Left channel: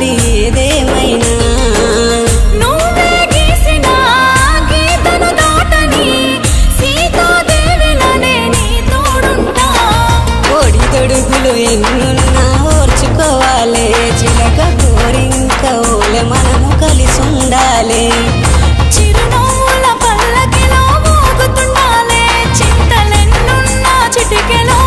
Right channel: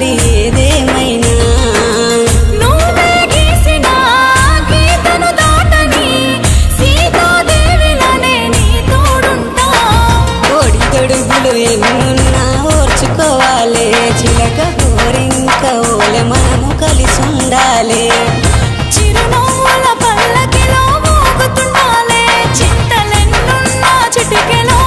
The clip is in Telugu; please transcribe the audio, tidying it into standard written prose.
మరి ఏదేమైనా నువ్వే గీసిన గీతను దాటని సీతాదేవిలానే నీ తోడుంటా ఒడిదొడుగులు ఎన్నున్నా ఓర్చుకోవాలే చిలక గోరింక ఓలె మనము కలిసి ఉండాలే చిరునవ్వుల పల్లకిలో ఊగుతుండాలే చింతలెన్నున్నా చిటికెలో